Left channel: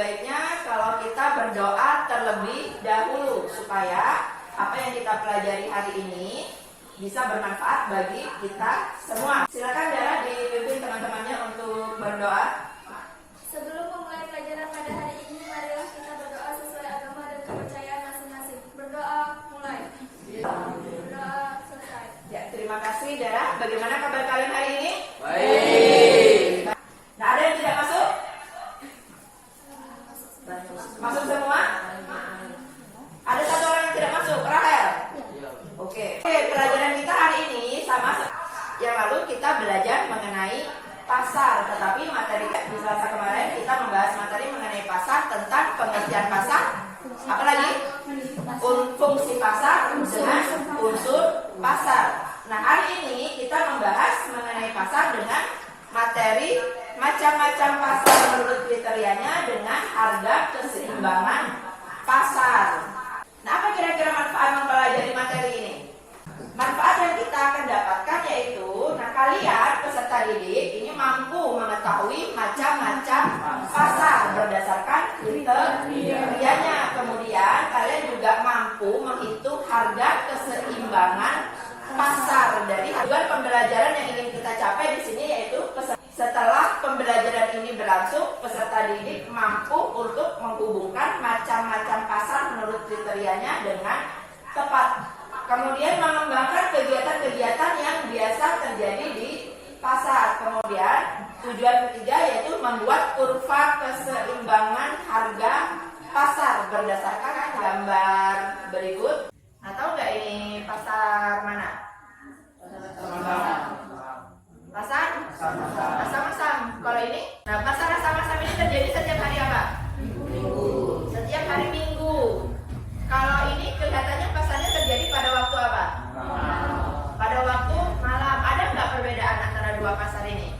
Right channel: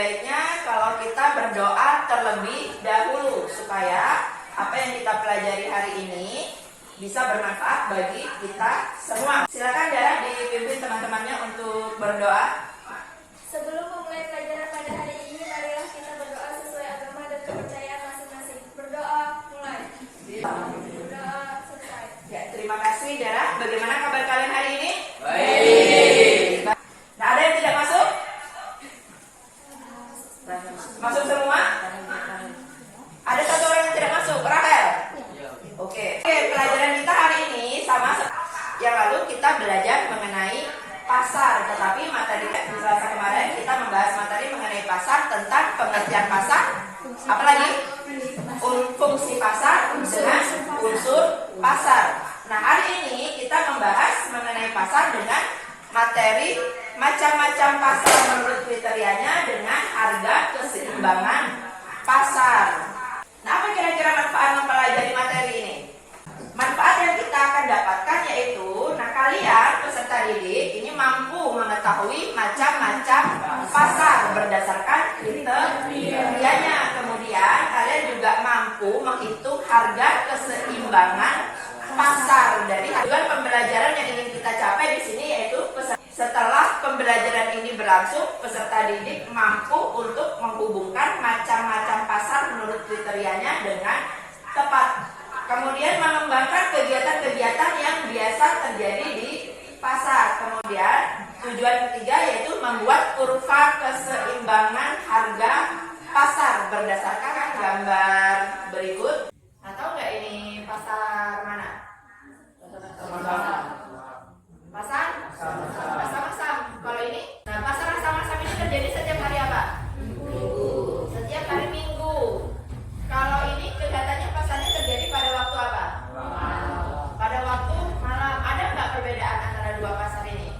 baiknya kalau kita berdoa terlebih dahulu supaya apa yang kita pelajari hari ini bisa bermanfaat bagi kita semua. Silakan Dara dipimpin teman-temannya untuk berdoa. Sebelum memulai pelajaran pada hari ini, marilah kita berdoa sesuai agama dan kepercayaan masing-masing. Berdoa mulai. Berdoa selesai. Ya, terima kasih Dara. Bagaimana kabar kalian hari ini? Baik. Nah, ada yang tidak masuk? Masuk semua? Ada satu orang yang tidak masuk, Rahel. Oke, pelajaran kita hari ini sama yang lalu kita belajar mengenai pasar, tetapi materi di Selasa kemarin kita membahas materi mengenai pasar, tentang pengertian pasar, apalagi fungsi pasar dengan unsur pasar. Nah, hari ini kita membahas mengenai pasar dengan materi macam-macam pasar menurut kriterianya dengan harga keseimbangan pasar. Nah, apa kira-kira manfaat mempelajari materi ini? Manfaat yang kita akan dapatkan yaitu, nah kalian peserta didik ini mampu mengetahui macam-macam pasar berdasarkan kriterianya. Kemudian kalian juga mampu menghitung harga keseimbangan pasar. Dari tujuan pembelajaran yang ingin kita capai di sini yaitu setelah pembelajaran ini berlangsung, peserta didik mampu untuk menghubungkan macam-macam pasar menurut kriterianya dengan tepat. Kemudian mengembangkan kegiatan-kegiatan yang biasa terjadi di pasar. Kemudian tujuan ketiga yaitu membuat kurva keseimbangan harga pasar berdasarkan gambar berikut. Atau enggak ini pasar mana? Pasar Asam-Asam. Kalau ini, nah pasar Asam-Asam ini terjadi setiap hari apa? Minggu. Setiap hari Minggu. Kalau ini kelihatannya pasarnya terjadi pada waktu apa? Pada waktu malam. Ada nggak perbedaan antara dua pasar ini?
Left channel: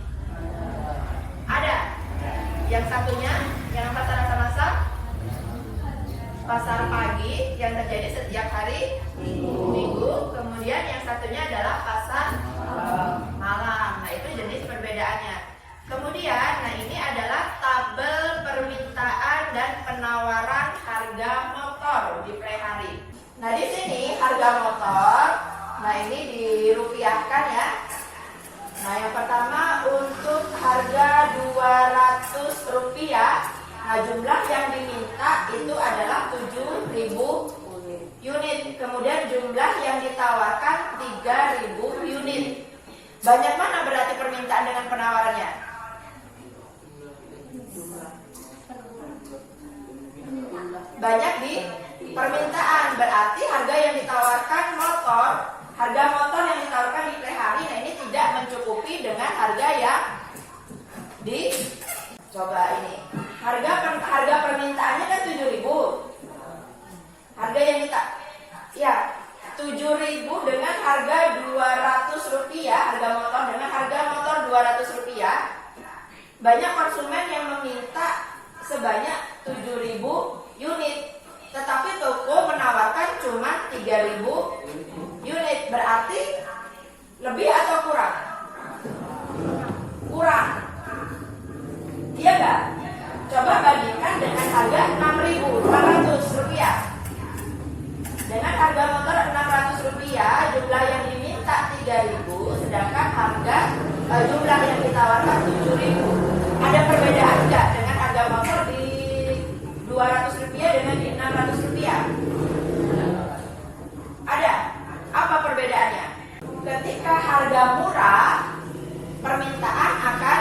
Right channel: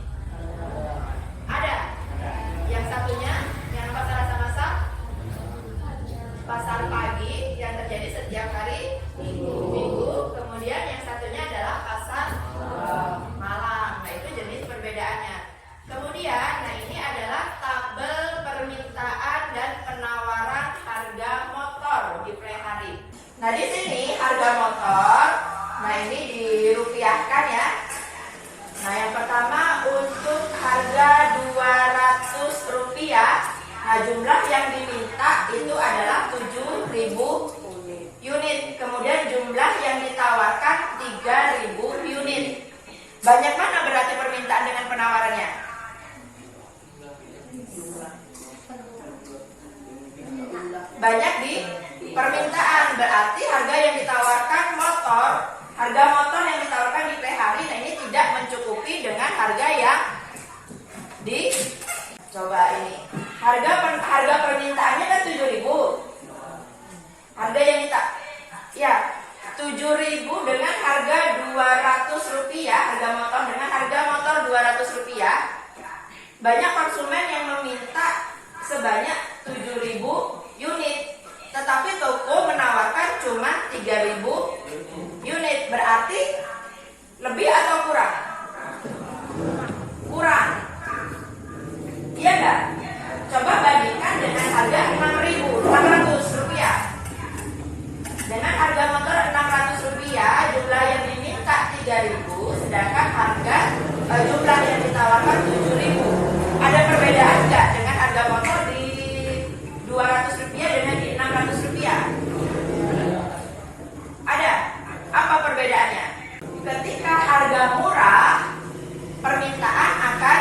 Ada. Yang satunya, yang pasar Asam-Asam, pasar pagi yang terjadi setiap hari Minggu. Kemudian yang satunya adalah pasar malam. Nah, itu jenis perbedaannya. Kemudian, nah ini adalah tabel permintaan dan penawaran harga motor di per hari. Nah, di sini harga motor, nah ini dirupiahkan ya. Nah, yang pertama untuk harga Rp200. Nah, jumlah yang diminta itu adalah 7.000 unit. Kemudian jumlah yang ditawarkan 3.000 unit. Banyak mana berarti permintaan dengan penawarannya? Banyak di permintaan, berarti harga yang ditawarkan harga motor yang ditawarkan di per hari, nah ini tidak mencukupi dengan harga yang coba ini. Harga permintaannya kan 7.000. Harga yang ya 7.000 dengan harga Rp200, harga motor dengan harga motor Rp200. Banyak konsumen yang meminta sebanyak 7.000 unit, tetapi toko menawarkan cuma 3.000 unit. Berarti lebih atau kurang? Kurang. Iya enggak? Coba bandingkan dengan harga Rp6.800. Dengan harga motor Rp600, jumlah yang diminta 3.000, sedangkan jumlah yang ditawarkan 7.000. Ada perbedaan enggak dengan harga motor di Rp200 dengan di Rp600? Ada. Apa perbedaannya? Ketika harga murah, permintaan akan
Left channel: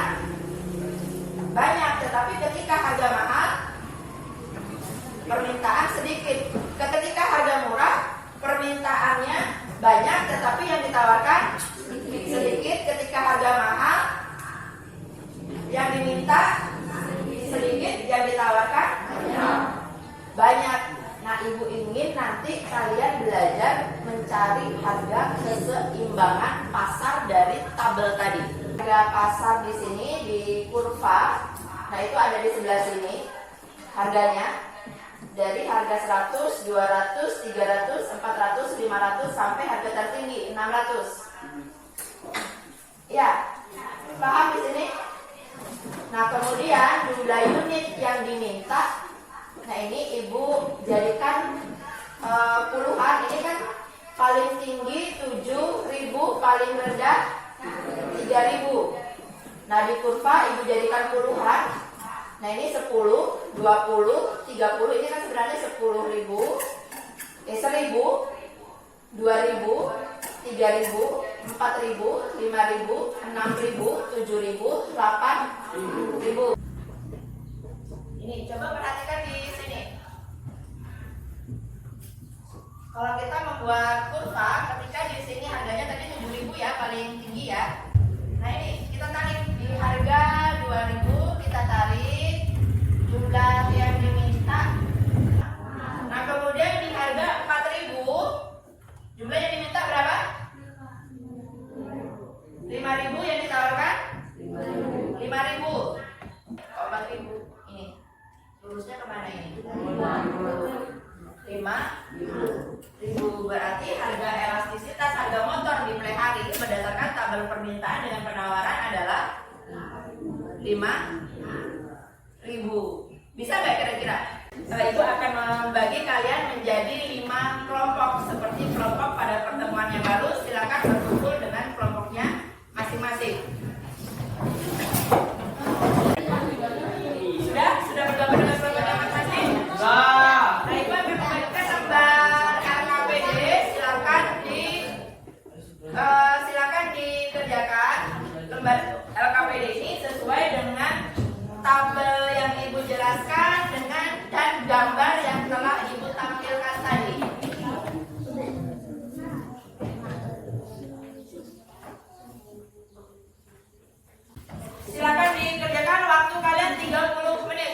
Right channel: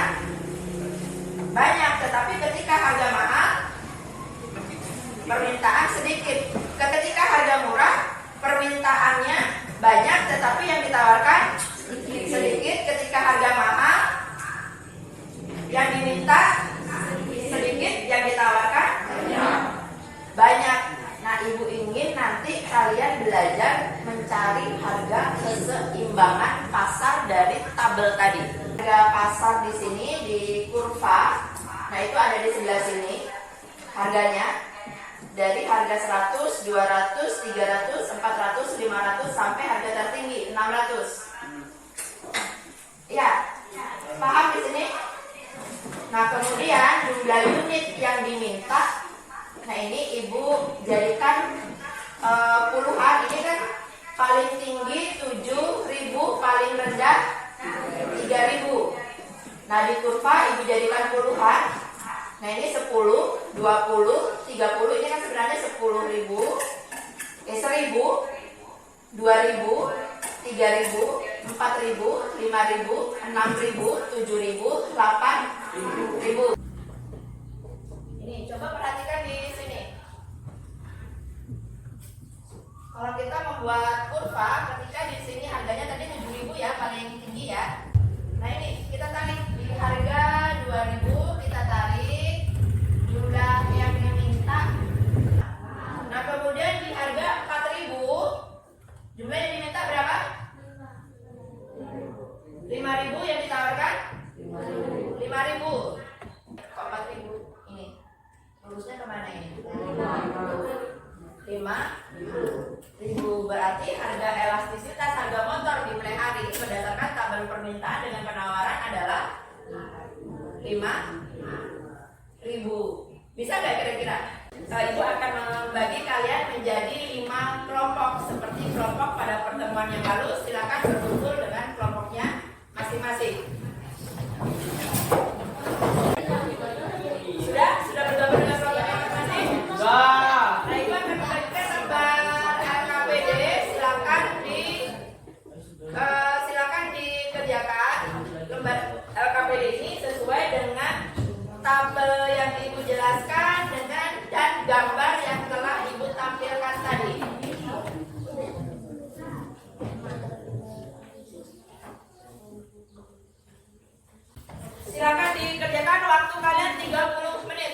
banyak, tetapi ketika harga mahal, permintaan sedikit. Ketika harga murah, permintaannya banyak, tetapi yang ditawarkan sedikit. Ketika harga mahal, yang diminta sedikit, yang ditawarkan banyak. Nah, Ibu ingin nanti kalian belajar mencari harga keseimbangan pasar dari tabel tadi. Harga pasar di sini di kurva, nah itu ada di sebelah sini harganya. Dari harga 100, 200, 300, 400, 500 sampai harga tertinggi 600. Ya, paham di sini? Nah, kemudian jumlah unit yang diminta, nah ini ibu jadikan puluhan. Ini kan paling tinggi 7.000, paling rendah 3.000. Nah, di kurva ibu jadikan puluhan. Nah, ini 10, 20, 30. Ini kan sebenarnya 10.000, 1.000, 2.000, 3.000, 4.000, 5.000, 6.000, 7.000, 8.000. Ini coba perhatikan di sini. Kalau kita membuat kurva, ketika di sini harganya tadi 7.000 ya, paling tinggi ya. Nah, ini kita tarik di harga 2.000, kita tarik jumlah yang diminta. Nah, kemudian di harga 4.000, jumlah yang diminta berapa? 5.000 yang ditawarkan? 5.000. Kok 4.000? Ini. Lurusnya kemana ini? 5.000. Berarti harga elastisitas harga motor di mulai hari berdasarkan tabel permintaan dengan penawaran adalah 5.000. Bisa nggak kira-kira? Ibu akan membagi kalian menjadi 5 kelompok seperti kelompok pada pertemuan yang lalu. Silakan berkumpul dengan kelompoknya masing-masing. Sudah bergabung dengan kelompoknya masing-masing? Nah, ibu akan membagikan lembar LKPD. Silakan dikerjakan lembar LKPD ini sesuai dengan tabel yang ibu jelaskan dan gambar yang telah ibu tampilkan tadi. Silakan dikerjakan, waktu kalian 30 menit.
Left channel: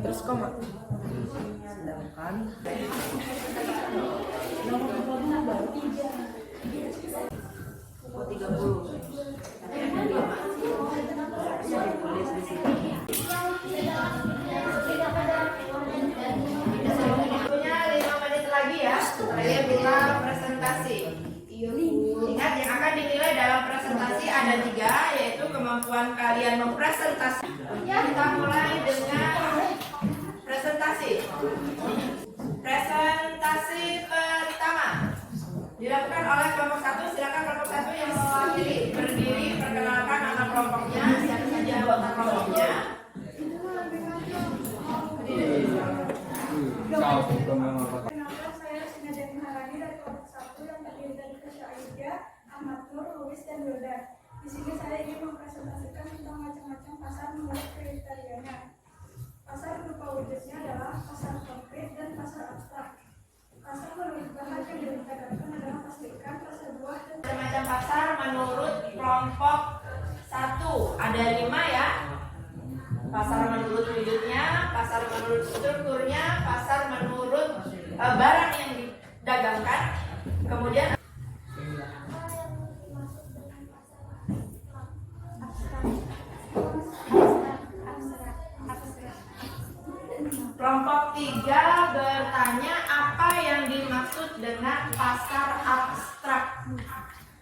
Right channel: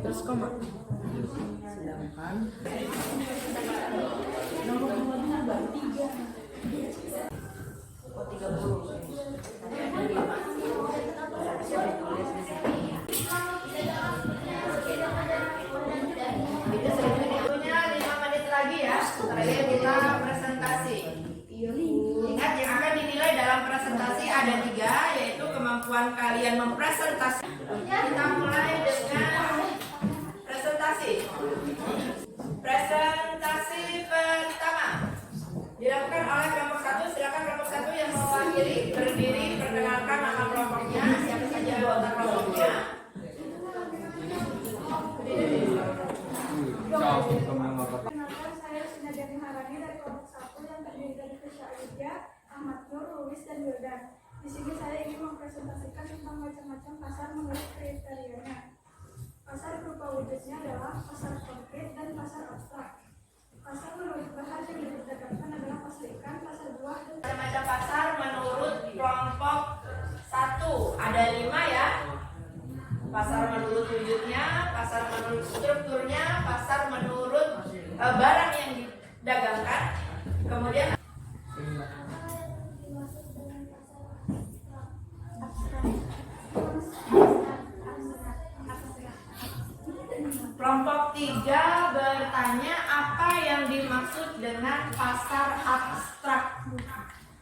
Terus koma. Silakan. Oh, 30. Waktunya 5 menit lagi ya. Terakhir kita presentasi. Ingat, yang akan dinilai dalam presentasi ada 3, yaitu kemampuan kalian mempresentasi. Kita mulai dengan presentasi. Presentasi pertama dilakukan oleh kelompok 1. Silakan kelompok 1 yang mewakili berdiri, perkenalkan nama kelompoknya, siapa saja anggota kelompoknya. Perkenalkan, saya Sinajani Harani dari kelompok 1 yang terdiri dari Kesha Aida, Ahmad Nur, Luis, dan Wildan. Di sini saya ingin mempresentasikan tentang macam-macam pasar menurut kriterianya. Pasar berupa wujudnya adalah pasar konkret dan pasar abstrak. Pasar menurut bahan yang diperdagangkan adalah pasar ikan, pasar buah, dan Macam pasar menurut kelompok 1 ada 5 ya. Pasar menurut wujudnya, pasar menurut strukturnya, pasar menurut barang yang didagangkan. Kemudian kelompok 3 bertanya apa yang dimaksud dengan pasar abstrak.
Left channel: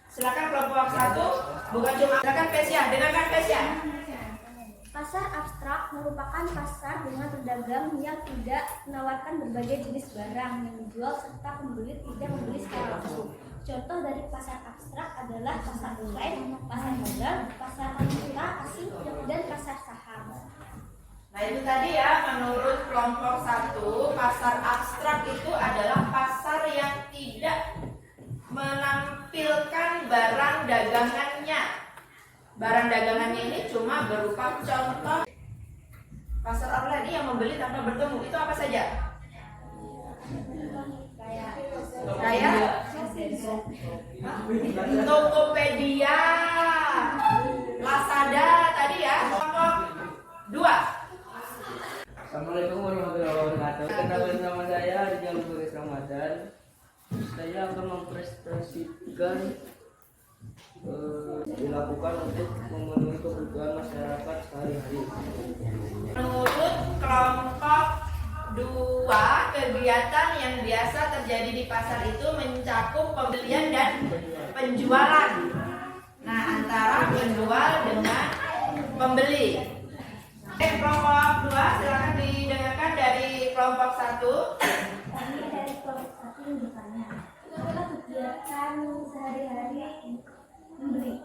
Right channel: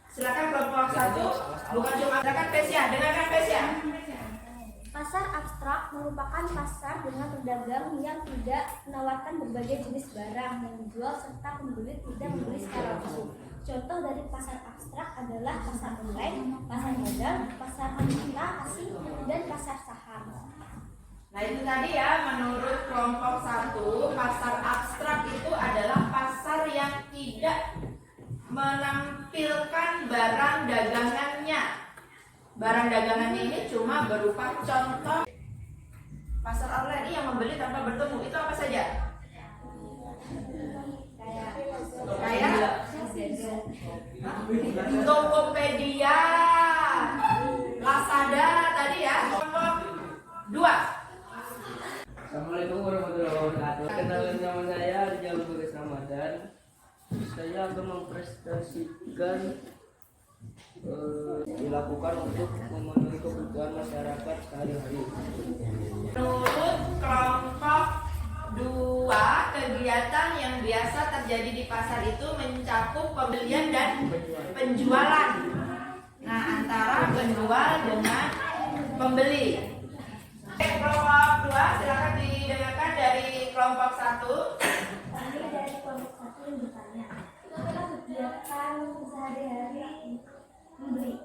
Silakan kelompok 1, bukan cuma silakan Pesia, dengarkan Pesia. pasar abstrak merupakan pasar dengan pedagang yang tidak menawarkan berbagai jenis barang yang dijual serta pembeli tidak membeli secara langsung. Contoh dari pasar abstrak adalah pasar online, pasar modal, pasar valuta asing, dan pasar saham. Nah, itu tadi ya, menurut kelompok 1, pasar abstrak itu adalah pasar yang tidak menampilkan barang dagangannya. Barang dagangannya ini cuma berupa contoh. Pasar online ini yang membeli tanpa bertemu, itu apa saja? Kayak Tokopedia, Lazada tadi ya. Kelompok 2. Assalamualaikum warahmatullahi wabarakatuh. Kenalkan nama saya Rijal Buris Ramadan. Saya akan mempresentasikan dilakukan untuk memenuhi kebutuhan masyarakat sehari-hari. Menurut kelompok 2, kegiatan yang biasa terjadi di pasar itu mencakup pembelian dan penjualan. Nah, antara penjual dengan pembeli. Kelompok 2 silakan didengarkan dari kelompok 1. Kami dari kelompok 1 yang bertanya, kegiatan sehari-hari membeli.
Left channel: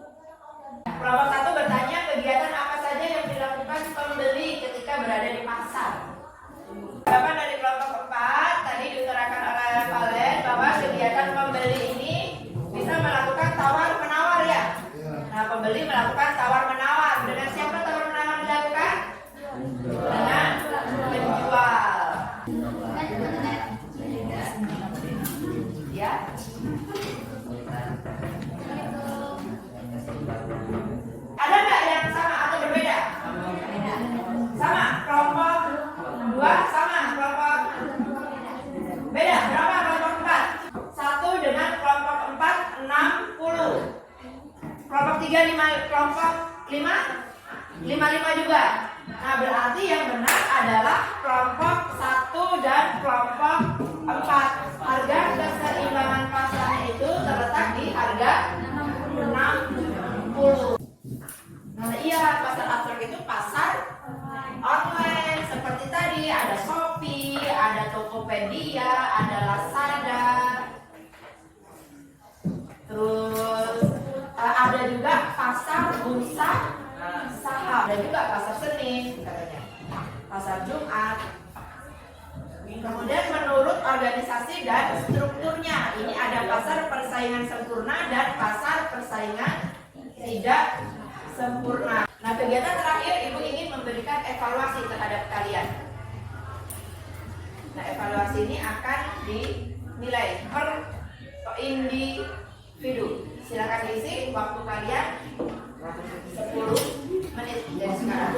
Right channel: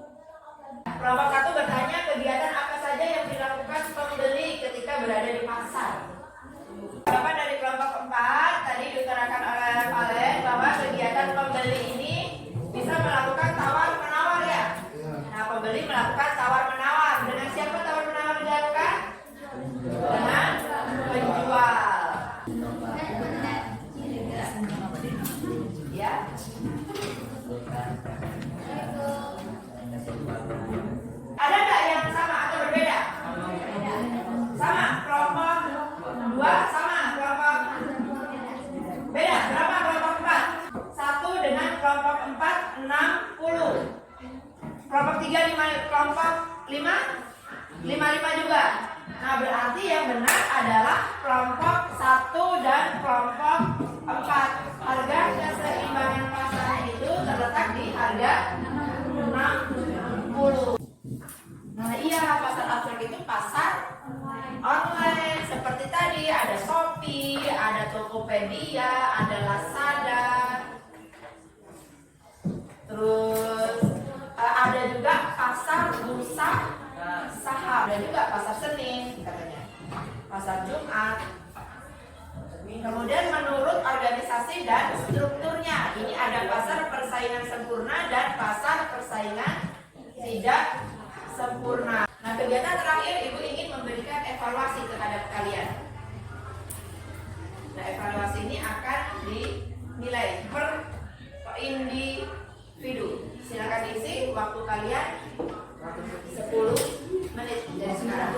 Kelompok 1 bertanya kegiatan apa saja yang dilakukan pembeli ketika berada di pasar. Jawaban dari kelompok 4 tadi diutarakan oleh Valen bahwa kegiatan pembeli ini bisa melakukan tawar-menawar ya. Nah, pembeli melakukan tawar-menawar. Dengan siapa tawar-menawar dilakukan? Dengan penjual. Ya. Ada nggak yang sama atau berbeda? Sama. Kelompok 2 sama. Kelompok beda. Berapa kelompok 4? 1 dengan kelompok 4 60. Kelompok 3 5. Kelompok 5 55 juga. Nah, berarti yang benar adalah kelompok 1 dan kelompok 4. Harga keseimbangan pasarnya itu terletak di harga 60. Nah, iya, pasar abstrak itu pasar online seperti tadi, ada Shopee, ada Tokopedia, ada Lazada. Terus ada juga pasar bursa saham, ada juga pasar Senin katanya, pasar Jumat. Kemudian menurut organisasi dan strukturnya, ini ada pasar persaingan sempurna dan pasar persaingan tidak sempurna. Nah, kegiatan terakhir Ibu ingin memberikan evaluasi terhadap kalian. Nah, evaluasi ini akan dinilai per individu. Silakan isi waktu kalian 10 menit dari sekarang.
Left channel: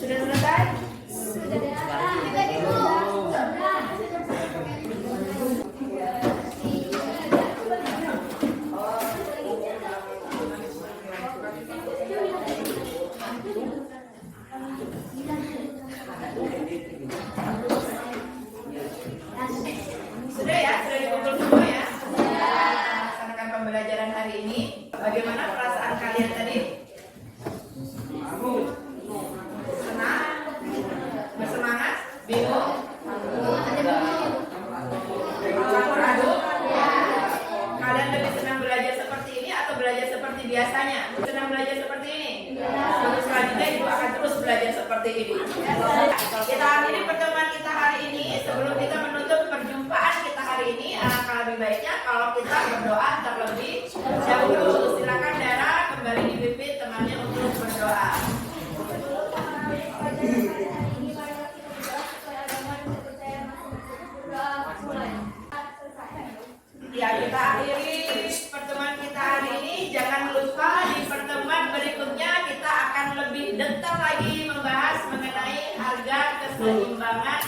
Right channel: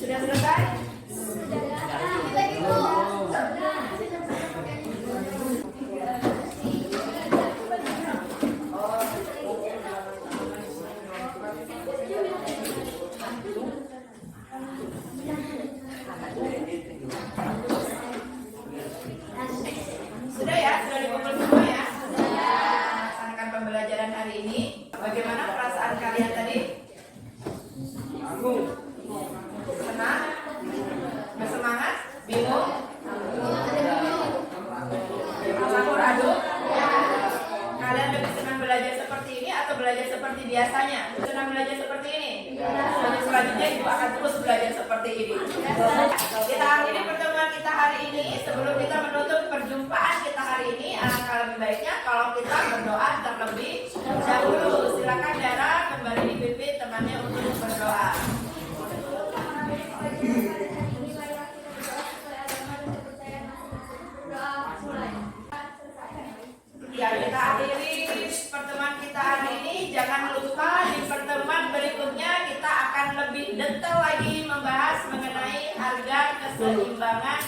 Sudah selesai? Sudah ya? Sudah dikumpul semua ya? Melaksanakan pembelajaran hari ini. Bagaimana perasaan kalian tadi? Senang? Bersemangat? Bingung? Campur aduk? Kalian lebih senang belajar seperti ini atau belajar seperti biasanya? Senang belajar seperti ini? Untuk selanjutnya Ibu akan terus belajar seperti ini. Kita akhiri pertemuan kita hari ini. Sebelum kita menutup perjumpaan kita hari ini, alangkah lebih baiknya kalau kita berdoa terlebih dahulu. Silakan Dara kembali dipimpin temannya untuk berdoa. Ya, kita akhiri pertemuan kita hari ini. Jangan lupa di pertemuan berikutnya kita akan lebih detail lagi membahas mengenai harga keseimbangan